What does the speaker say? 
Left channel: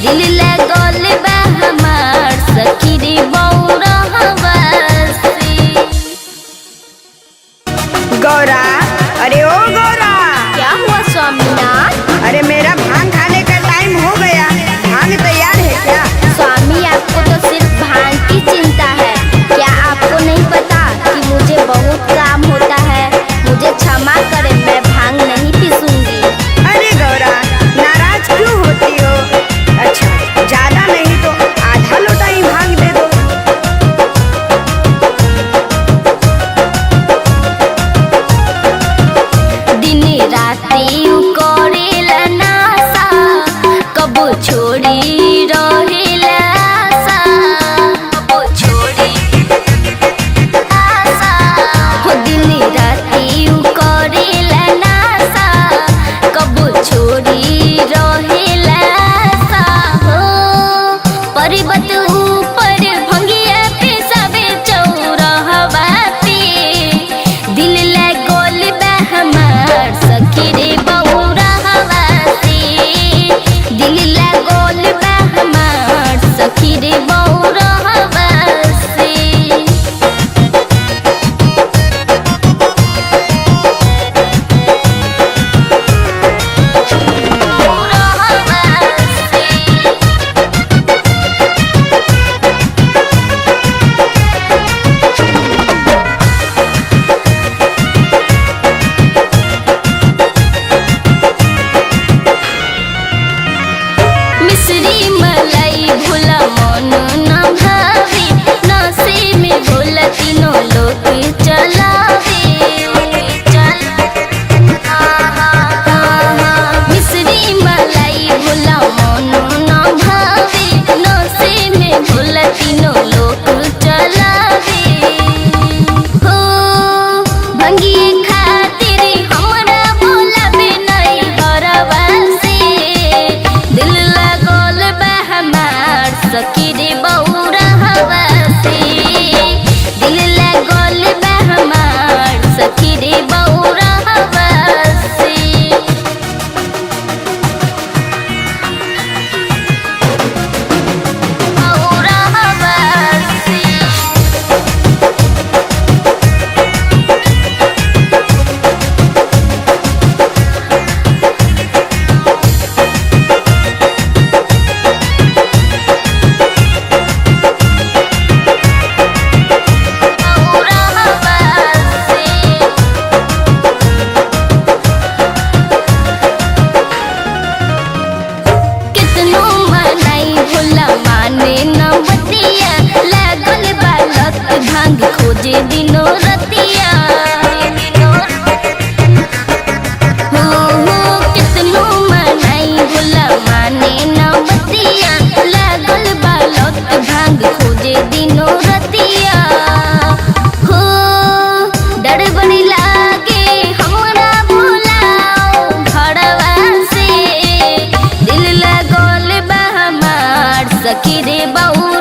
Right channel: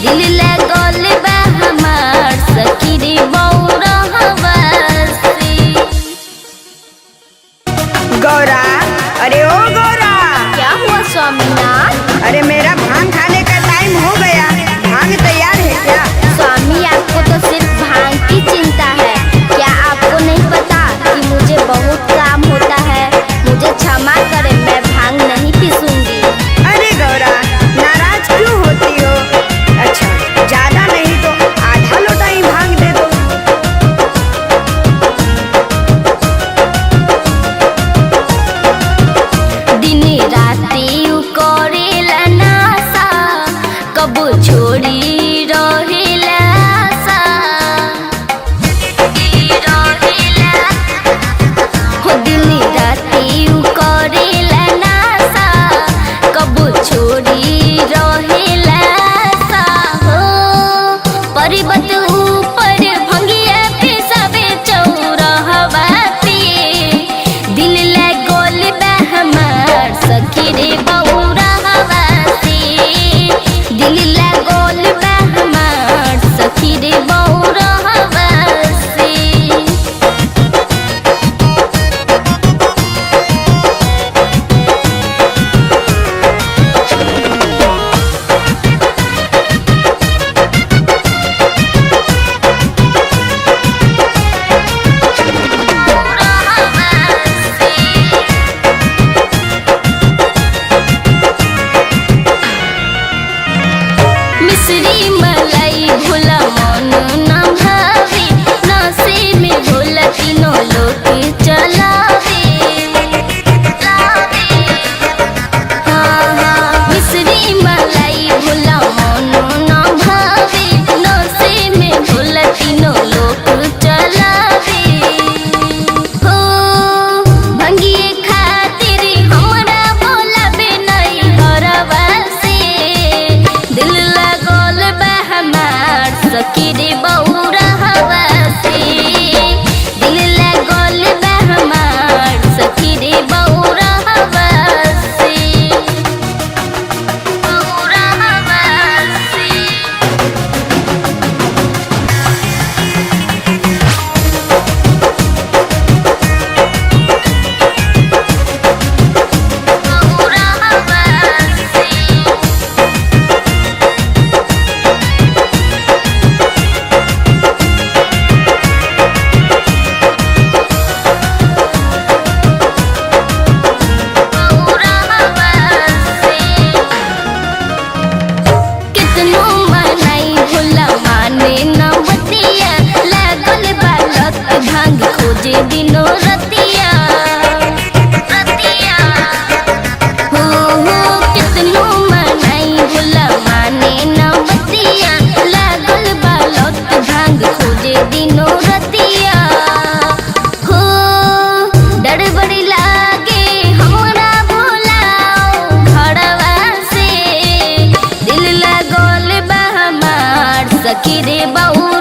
दिल लगल बा हमार सखी रे बौरहवा से। गौरा, अरे ओ गौरा। क्या हुआ स्वामीनाथ? अरे मेरा भांग खाने का टाइम हो गया, भांग तैयार है क्या? स्वामी आपको तो सिर्फ भांग की चिंता है, क्या आपको नहीं पता कि मुझे बहुत काम होता है? मुझे क्षमा करें, मैं भांग नहीं पीसूंगी। अरे गौरा, नाराज क्यों होती हो? अच्छा, ज्यादा नहीं तो आधा लोटा ही भांग दे दो। दिन राती करेला नासा, कब छोड़ी रहेला आशा। हो दिन राती करेला नासा, कब छोड़ी रहेला आशा। हो पर्वत ऊपर भंगिया पे सबे चौरहवा पे, दिल लगल बा हमार सखी रे बौरहवा से। दिल लगल बा हमार सखी रे बौरहवा से। मिश्री मलाई भोला मन न भावे, नशे में भोला तीनों लोग चलावे। हाँ हाँ, मिश्री मलाई भोला मन न भावे, नशे में भोला तीनों लोग चलावे। हो भंगिए खातिर हमरा भोला बे नहीं हरवा से। दिल लगल बा हमार सखी रे बौरहवा से। दिल लगल बा हमार सखी रे बौरहवा से। बौरहवा से, बौरहवा से। कितनो मनाई भोला माने न बतिया, लागल बालक भांग खोजे दिनो रतिया। हो कितनो मनाई भोला माने न बतिया, लागल बालक भांग खोजे दिनो रतिया। हो डर बड़ी लागे हमरा भोला घरवा से। दिल लगल बा हमार सखी रे बौ